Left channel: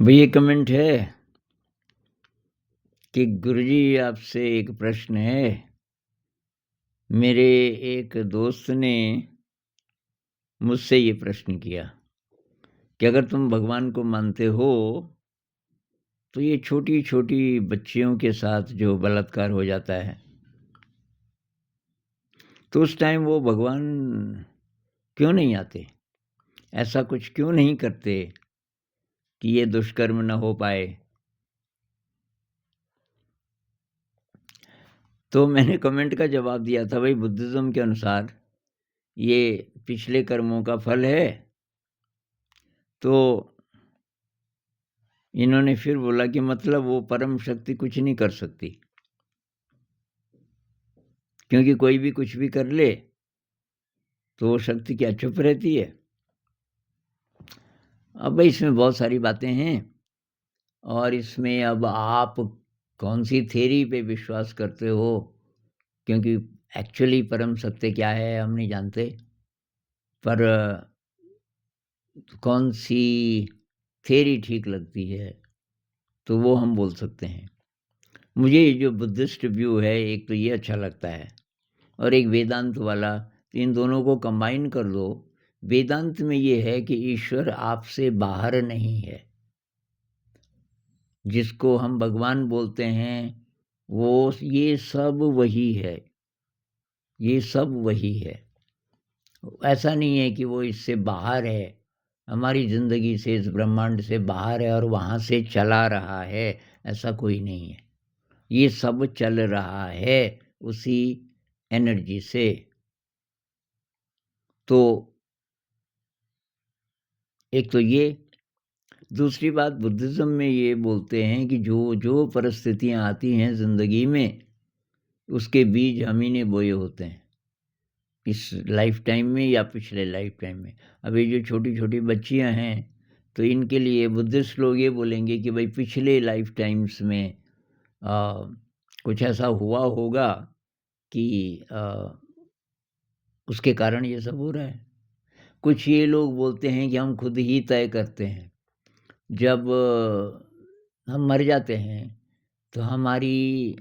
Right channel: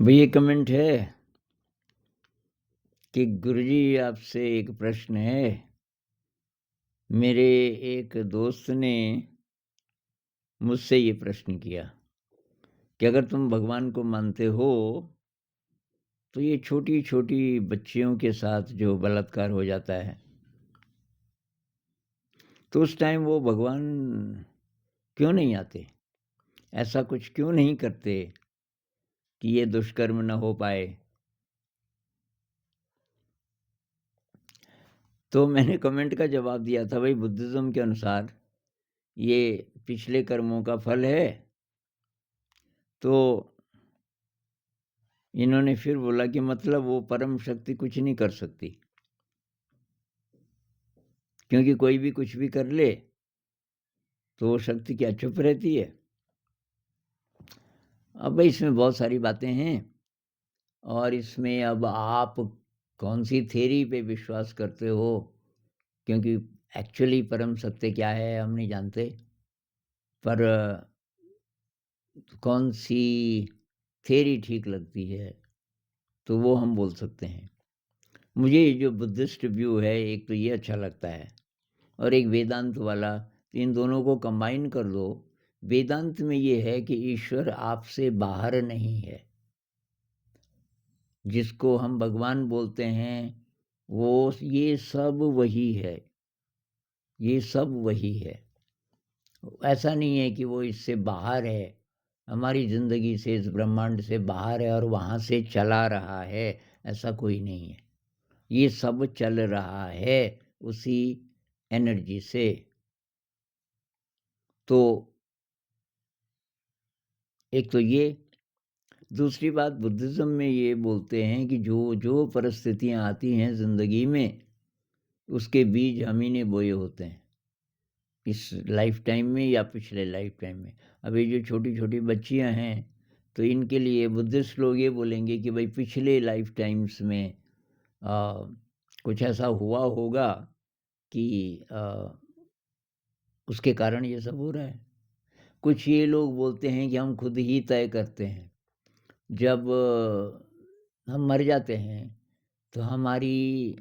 भाई ये कमेंट है कि गुरुजी आपसे एक प्रश्न है। मेरे एक दोस्त ने मुझसे ये प्रश्न किया कि अगर तुम भगवान को मानते हो तो ये छोटी-छोटी बच्चियों के साथ जो बलात्कार हो जाता है, तो उस टाइम वो भगवान क्यों नहीं आते? ऐसा कुछ क्यों नहीं करते कि ये दुष्कर्म ना हो पाए? तो मैंने कमेंट का जवाब दिया था, भाई बुद्धिज़्म के अनुसार ये पिछले कर्मों का फल है। तो इन्होंने फिर बोला कि मतलब वो परम शक्ति कुछ नहीं कर सकती, क्योंकि कोई भी कुछ भी कर ले, तो वो शक्ति क्या चुप रहती है? अब भाई इसमें बहुत सारी बातें हैं और इसमें अब आप कौन-सी थ्योरी पे विश्वास करते हो, क्योंकि एक्चुअली परम सत्य क्या है हम नहीं जानते। पर कौन-सी थ्योरी ठीक लगती है, तो वो हम बोल सकते हैं। मुझे ये जो बुद्धिस्ट व्यू है, एक तो ये अच्छा लगता है और एक वेदांत वाला, तो इन दोनों को कंबाइन कर दो। वेदांत में ये है कि ईश्वर आपसे बाहर नहीं है। जिसको हम भगवान बोलते हैं, वो ये सब वही है, ये सब वही है। ऐसा नहीं है कि वो इससे बाहर है, हमारी ज़िंदगी से, इस ब्रह्मांड से बाहर है और वहाँ से चला रहा है, ऐसा कोई नहीं है। ये सब चल रहा है उसी एनर्जी से। तो एक तो ये, दूसरी बात बुद्धिज़्म में ये बोलते हैं कि जो परिस्थितियाँ आती हैं ज़िंदगी में, उसके बीज हम ही ने बोए होते हैं, इस लाइफ़ टाइम में या पिछले लाइफ़ टाइम में। अब ये जो छोटी-छोटी बच्चियाँ हैं, तो इनके लिए बुद्धिस्ट लोग ये बोलेंगे कि भई पिछले लाइफ़ टाइम्स में अ, कुछ ऐसा हुआ होगा कि उसके कारण ये सब हो रहा है। कुछ ये लोग बोलते हैं कि हम खुद ही तय करते हैं। जब हम मर जाते हैं, तो हमारी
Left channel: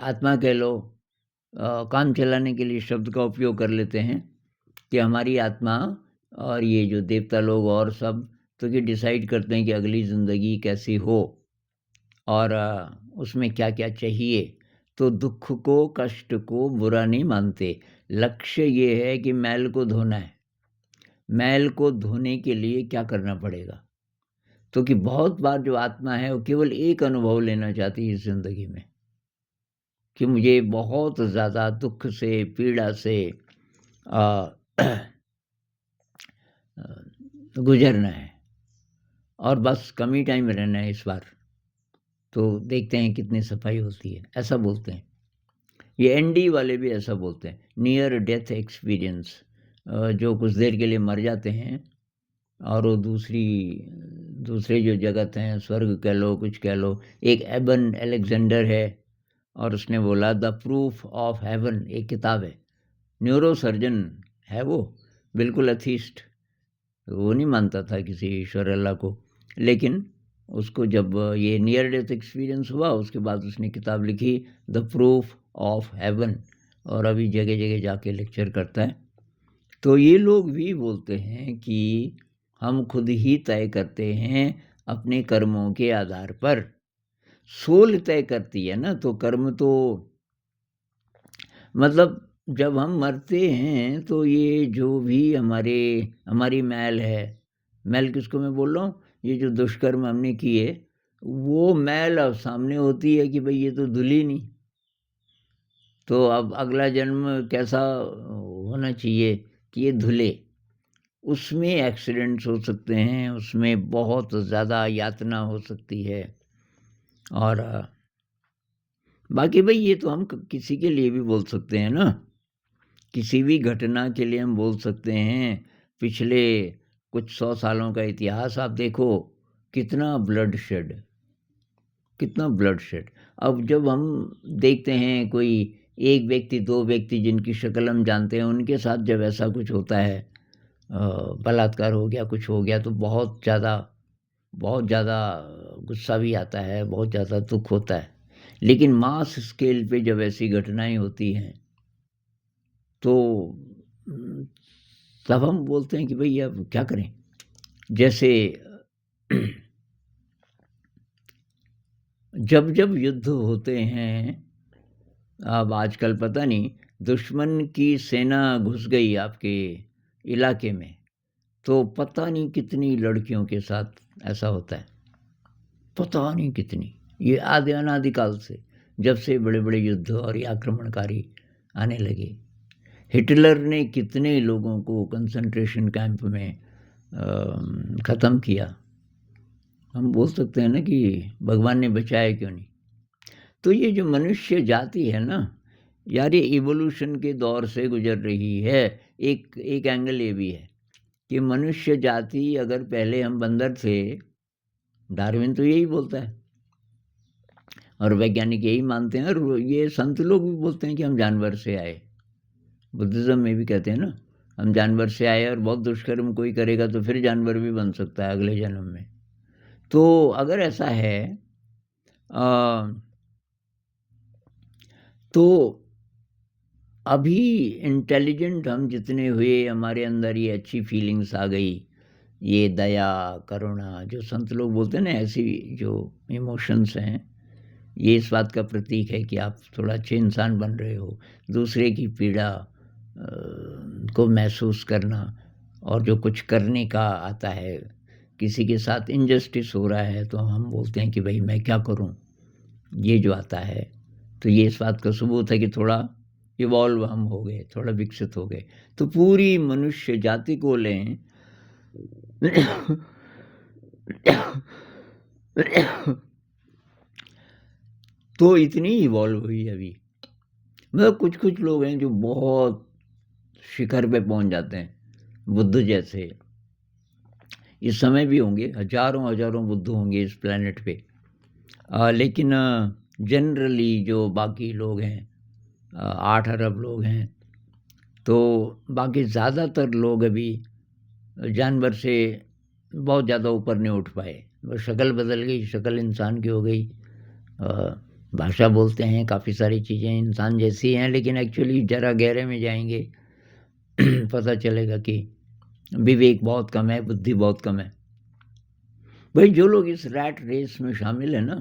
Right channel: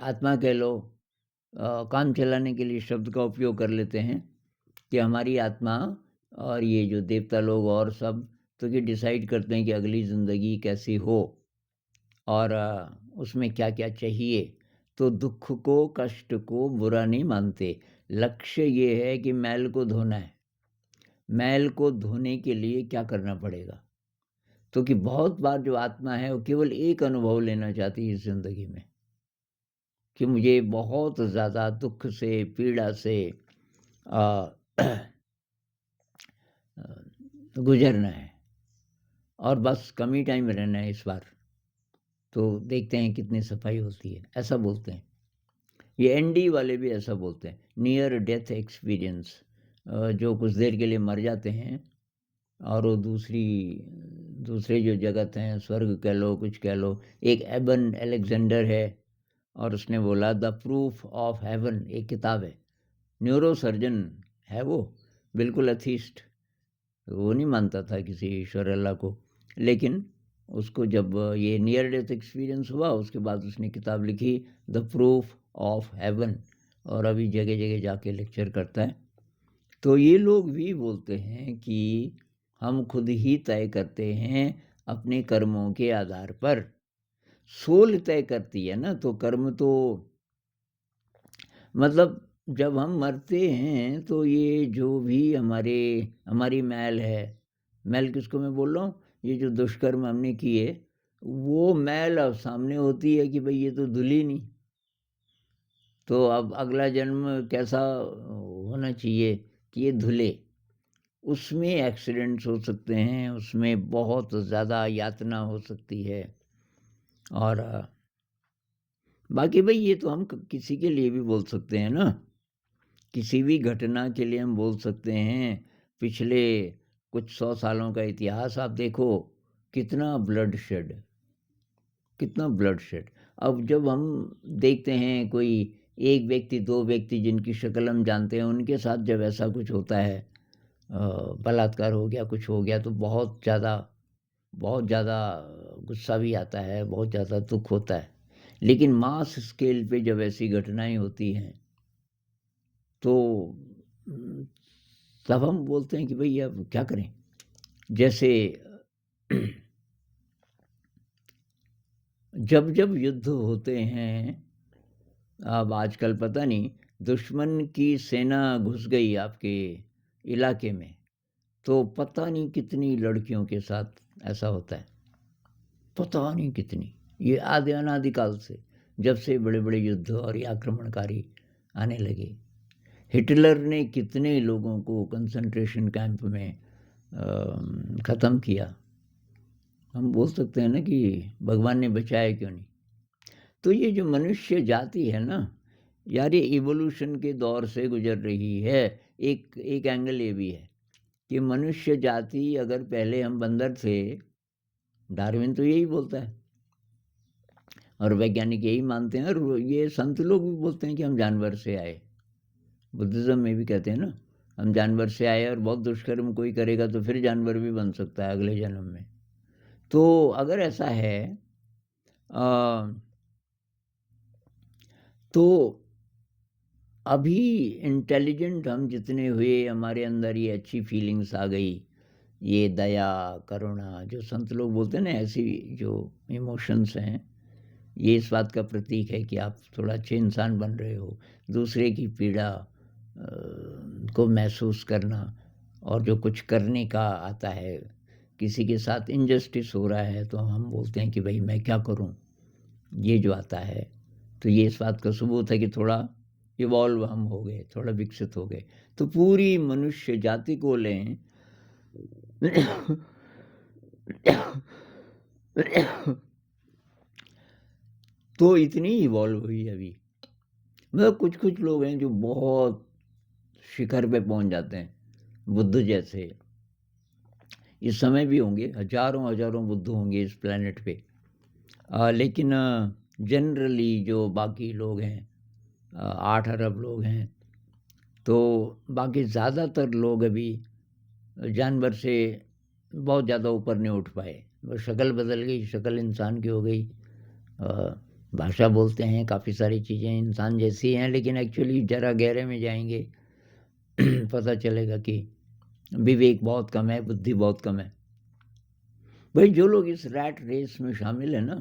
आत्मा कह लो, काम चलाने के लिए शब्द का उपयोग कर लेते हैं कि हमारी आत्मा और ये जो देवता लोग और सब, तो ये डिसाइड करते हैं कि अगली ज़िंदगी कैसी हो और उसमें क्या-क्या चाहिए। तो दुःख को, कष्ट को बुरा नहीं मानते। लक्ष्य ये है कि मैल को धोना है। मैल को धोने के लिए क्या करना पड़ेगा? तो कि बहुत बार जो आत्मा है वो केवल एक अनुभव लेना चाहती है इस ज़िंदगी में, कि मुझे बहुत ज़्यादा दुःख से, पीड़ा से अ, गुज़रना है और बस कम ही टाइम रहना है इस बार। तो देखते हैं कितनी सफाई होती है, ऐसा बोलते हैं। ये एनडी वाले भी ऐसा बोलते हैं, नियर डेथ एक्सपीरियंस। जो कुछ देर के लिए मर जाते हैं और वो दूसरे जो जगत हैं, स्वर्ग कह लो, कुछ कह लो। एक एबन अलेक्जेंडर है और उसने बोला द प्रूफ ऑफ हेवन, एक किताब है। न्यूरोसर्जन है वो, बिल्कुल एथीस्ट। वो नहीं मानता था किसी ईश्वर अल्लाह को। लेकिन उसको जब ये नियर डेथ एक्सपीरियंस हुआ, उसके बाद उसने किताब लिखी द प्रूफ ऑफ हेवन और अभी जगह-जगह जाके लेक्चर करता है। तो ये लोग भी बोलते हैं कि हम खुद ही तय करते हैं अपने कर्मों के आधार पर। सोल तय करती है ना, तो कर्म तो मतलब जब हम मरते हैं तो ये जो भी हमारी मैल है, मैल किसको मैं बोल रहा हूँ? ये जो दुष्कर्म हमने किए, वो मैल अब सामने होती है कि भई ये तो धुली नहीं। तो अब अगला जन्म कैसा होना चाहिए कि ये धुले। उसमें एक्सीडेंट्स हो सकते हैं, उसमें बहुत ज़्यादा यातना हो सकती है और बाकी भई ये तो हम किसी के लिए भी बोल सकते हैं ना। किसी भी घटना के लिए हम बोल सकते हैं। पिछले कुछ 100 सालों का इतिहास आप देखो, कितना ब्लडशेड, कितना ब्लडशेड। अब जब हम देखते हैं कोई एक व्यक्ति, 2 व्यक्ति जिनकी शक्ल हम जानते हैं, उनके साथ जब ऐसा कुछ होता है, बलात्कार हो गया, कुछ हो गया, तो बहुत ज़्यादा बहुत ज़्यादा गुस्सा भी आता है, बहुत ज़्यादा दुःख होता है। लेकिन मास स्केल पे जब ऐसी घटनाएँ होती हैं, तो उम, तब हम बोलते हैं कि भई अब क्या करें? जैसे जब-जब युद्ध होते हैं, अब आजकल पता नहीं दुश्मन की सेना घुस गई आपके इलाके में, तो पता नहीं कितनी लड़कियों के साथ ऐसा होता है। पता नहीं कितनी। ये आदि अनादिकाल से, जब से बड़े-बड़े युद्ध और ये आक्रमणकारी आने लगे। हिटलर ने कितने लोगों को कंसंट्रेशन कैंप में ख़त्म किया। हम बोल सकते हैं ना कि भगवान ने बचाया क्यों नहीं? तो ये जो मनुष्य जाति है ना, यार ये इवोल्यूशन के दौर से गुज़र रही है। एक एक एंगल ये भी है कि मनुष्य जाति अगर पहले हम बंदर थे, डार्विन तो यही बोलता है और वैज्ञानिक यही मानते हैं और ये संत लोग भी बोलते हैं कि हम जानवर से आए। बुद्धिज़्म में भी कहते हैं ना, हम जानवर से आए और बहुत दुष्कर्म कोई करेगा तो फिर जानवर भी बन सकता है अगले जन्म में। तो अगर ऐसा है अ, तो अभी इंटेलिजेंट हम जितने हुए, हमारे अंदर ये अच्छी फीलिंग्स आ गई, ये दया, करुणा जो संत लोग बोलते हैं ना, ऐसी जो इमोशंस हैं, ये इस बात का प्रतीक है कि आप थोड़ा अच्छे इंसान बन रहे हो। दूसरे की पीड़ा को महसूस करना और जो कुछ करने का आता है, किसी के साथ इनजस्टिस हो रहा है तो हम बोलते हैं कि भई मैं क्या करूँ? ये जो आता है, तो ये इस बात का सबूत है कि थोड़ा इवॉल्व हम हो गए, थोड़ा विकसित हो गए। तो पूरी मनुष्य जाति को लें तो इतनी इवॉल्व हुई अभी। मतलब कुछ-कुछ लोग हैं जो बहुत शिखर पे पहुँच जाते हैं, बुद्ध जैसे। इस समय भी होंगे, हज़ारों-हज़ारों बुद्ध होंगे इस प्लैनेट पे। लेकिन जनरली जो बाकी लोग हैं 8 अरब लोग हैं, तो बाकी ज़्यादातर लोग अभी जानवर से बहुत ज़्यादा ऊपर नहीं उठ पाए। बस शक्ल बदल गई, शक्ल इंसान की हो गई। अ, भाषा बोलते हैं, काफ़ी सारी चीज़ें इंसान जैसी हैं, लेकिन एक्चुअली ज़रा गहरे में जाएँगे पता चलेगा कि विवेक बहुत कम है, बुद्धि बहुत कम है। भाई जो लोग इस रैट रेस में शामिल हैं ना,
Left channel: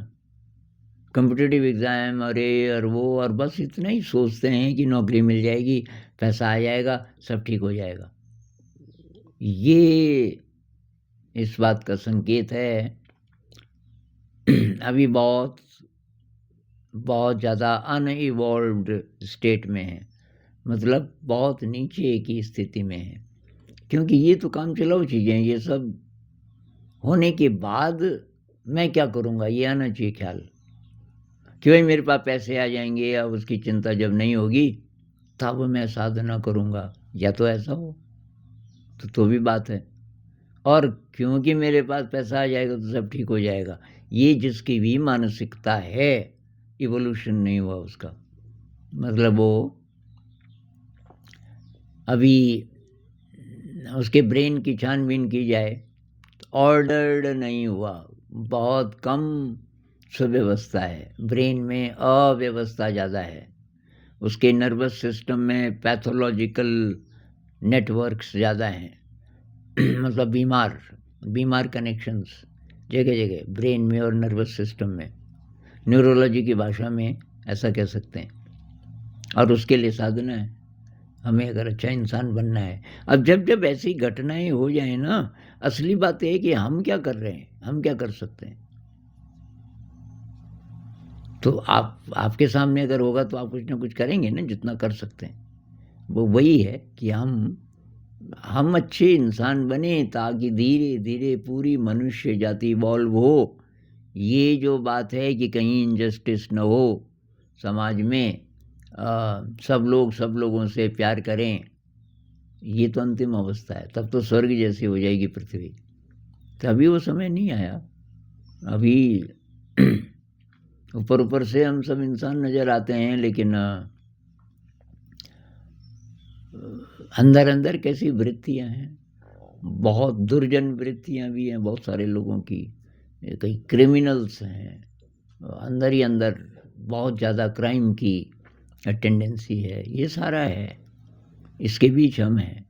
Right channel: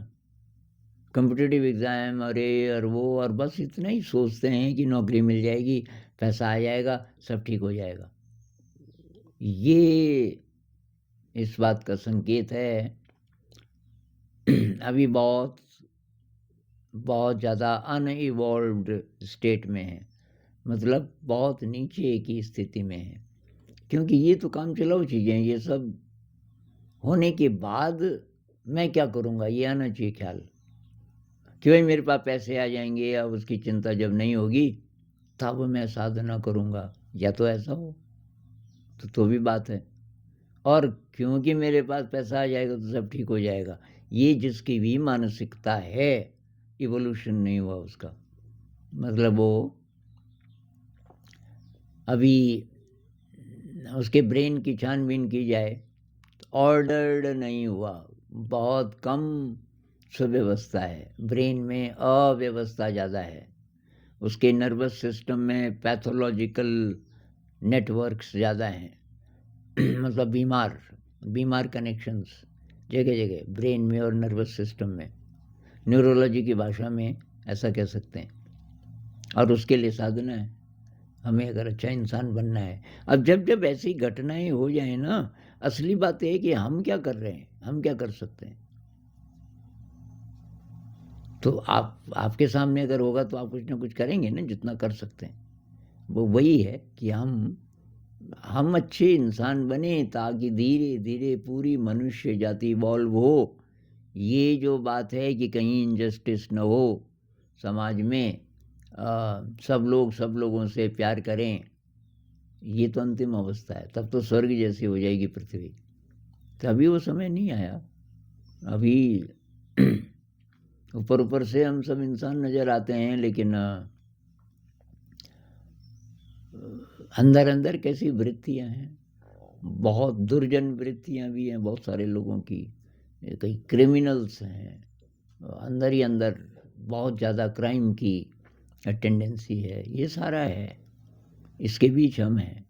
कॉम्पिटिटिव एग्ज़ाम और ये और वो और बस इतना ही सोचते हैं कि नौकरी मिल जाएगी, पैसा आ जाएगा, सब ठीक हो जाएगा। ये इस बात का संकेत है अभी बहुत बहुत ज़्यादा अनइवॉल्व्ड स्टेट में है। मतलब बहुत नीचे की स्थिति में है। क्योंकि ये तो कामचलाऊ चीज़ें हैं, ये सब होने के बाद मैं क्या करूँगा ये आना चाहिए ख़्याल। कि भाई मेरे पास पैसे आ जाएँगे या उसकी चिंता जब नहीं होगी, तब मैं साधना करूँगा, या तो ऐसा हो, तो भी बात है। और क्योंकि मेरे पास पैसा आ जाएगा तो सब ठीक हो जाएगा, ये जिसकी भी मानसिकता है, इवोल्यूशन नहीं हुआ उसका। मतलब वो अभी उसके ब्रेन की छानबीन की जाए, ऑर्डर्ड नहीं हुआ, बहुत कम सुव्यवस्था है, ब्रेन में अव्यवस्था ज़्यादा है। उसके नर्वस सिस्टम में पैथोलॉजिकल नेटवर्क्स ज़्यादा हैं मतलब बीमार बीमार कनेक्शंस जगह-जगह ब्रेन में और नर्वस सिस्टम में। न्यूरोलॉजी की भाषा में ऐसा कह सकते हैं और उसके लिए साधना है, हमें अगर अच्छा इंसान बनना है। अब जब-जब ऐसी घटनाएँ हो जाएँ ना, असली बात ये है कि हम क्या कर रहे हैं, हम क्या कर सकते हैं? तो आप आपके सामने अगर होगा तो आप कुछ ना कुछ करेंगे ना जितना कर सकते हैं। वो वही है कि हम अच्छे इंसान बने ताकि धीरे-धीरे पूरी मनुष्य जाति इवॉल्व हो। ये जो बात है कि कहीं इनजस्टिस ना हो समाज में सब लोग सब लोगों से प्यार करें, ये तो अंतिम अवस्था है। तब तो स्वर्ग जैसी हो जाएगी पृथ्वी। तो अभी वो समय नहीं आया। अभी ऊपर-ऊपर से हम सब इंसान नज़र आते हैं लेकिन अंदर-अंदर कैसी वृत्तियाँ हैं, बहुत दुर्जन वृत्तियाँ भी हैं बहुत सारे लोगों की, कई क्रिमिनल्स हैं, अंदर ही अंदर बहुत ज़्यादा क्राइम की टेंडेंसी है, ये सारा है, इसके बीच हम हैं।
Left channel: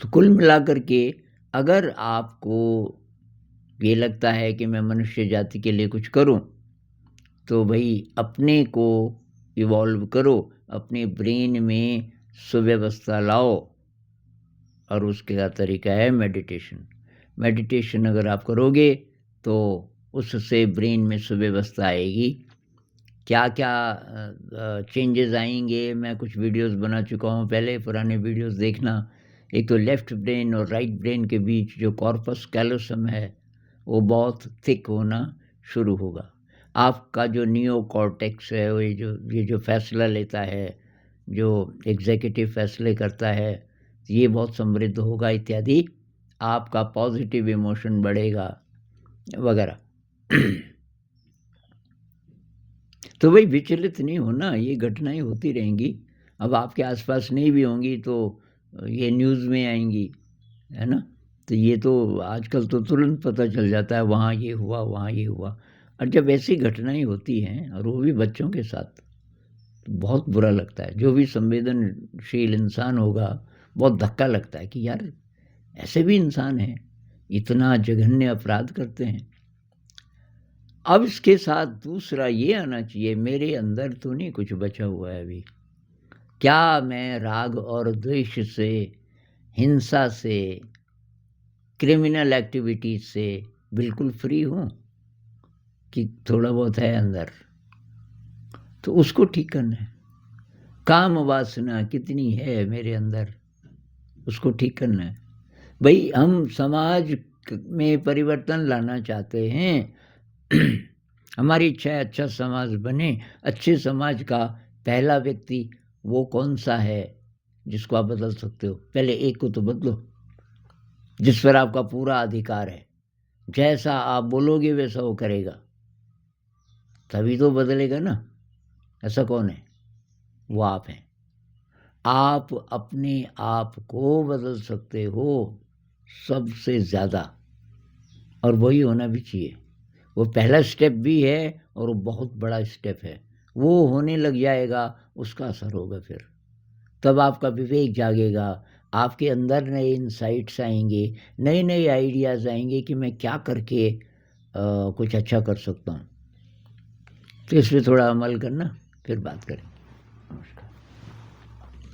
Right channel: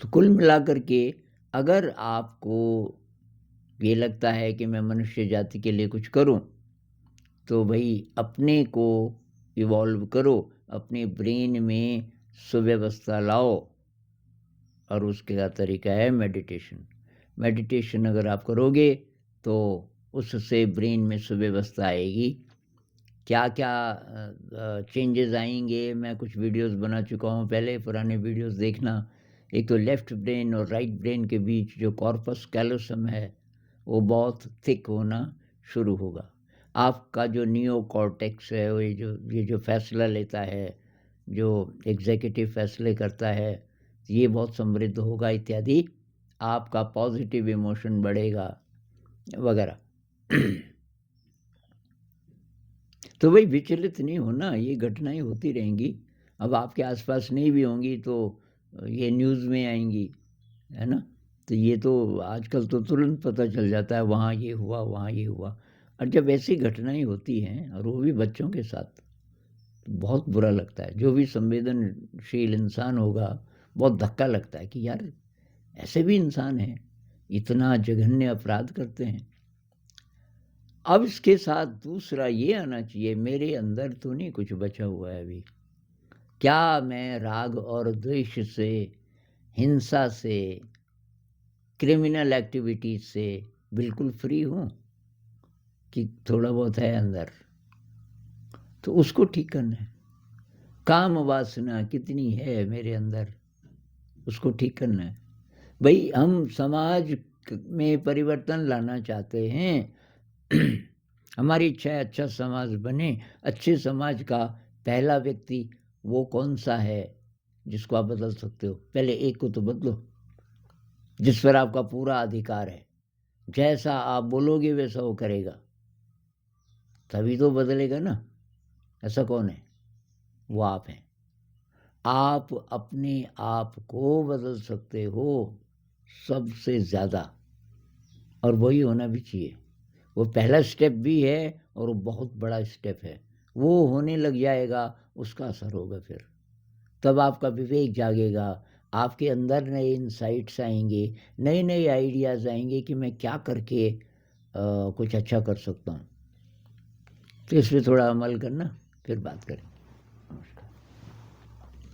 तो कुल मिलाकर के अगर आपको ये लगता है कि मैं मनुष्य जाति के लिए कुछ करूं, तो भाई अपने को इवॉल्व करो, अपने ब्रेन में सुव्यवस्था लाओ, और उसका तरीका है मेडिटेशन। मेडिटेशन अगर आप करोगे तो उससे ब्रेन में सुव्यवस्था आएगी। क्या क्या चेंजेस आएंगे, मैं कुछ वीडियोस बना चुका हूँ पहले, पुराने वीडियोस देखना। एक तो लेफ्ट ब्रेन और राइट ब्रेन के बीच जो कॉर्पस कैलोसम है वो बहुत थिक होना शुरू होगा। आपका जो नियो कॉर्टेक्स है, वो ये जो फैसला लेता है, जो एग्जीक्यूटिव फैसले करता है, ये बहुत समृद्ध होगा इत्यादि। आपका पॉजिटिव इमोशन बढ़ेगा वगैरह। तो भाई विचलित नहीं होना, ये घटनाएं होती रहेंगी। अब आपके आसपास नहीं भी होंगी तो ये न्यूज़ में आएंगी, है ना। तो ये तो आजकल तो तुरंत पता चल जाता है, वहाँ ये हुआ, वहाँ ये हुआ। और जब ऐसी घटनाएं होती हैं और वो भी बच्चों के साथ, तो बहुत बुरा लगता है। जो भी संवेदनशील इंसान होगा, बहुत धक्का लगता है कि यार ऐसे भी इंसान हैं, इतना जघन्य अपराध करते हैं। अब इसके साथ दूसरा ये आना चाहिए, मेरे अंदर तो नहीं कुछ बचा हुआ है अभी। क्या मैं राग और द्वेष से, हिंसा से, क्रिमिनल एक्टिविटीज से बिल्कुल फ्री हूँ, कि थोड़ा बहुत है अंदर? तो उसको ठीक करना है। काम वासना कितनी है मेरे अंदर, उसको ठीक करना है। भाई हम समाज में परिवर्तन लाना चाहते हैं। हमारी इच्छा है अच्छा समाज बने। अच्छे समाज का पहला व्यक्ति वो कौन सा है जिसको आप बदल सकते हो? पहले एक को तो बदलो, जिस पर आपका पूरा अधिकार है। जैसा आप बोलोगे वैसा वो करेगा, तभी तो बदलेगा ना। ऐसा कौन है? वो आप हैं। आप अपने आप को बदल सकते हो सबसे ज़्यादा, और वही होना भी चाहिए। वो पहला स्टेप भी है और वो बहुत बड़ा स्टेप है। वो होने लग जाएगा, उसका असर होगा फिर। तब आपका विवेक जागेगा, आपके अंदर नए इंसाइट्स आएंगे, नए नए आइडियाज़ आएंगे कि मैं क्या करके कुछ अच्छा कर सकता हूँ। तो इस पर थोड़ा अमल करना, फिर बात करें।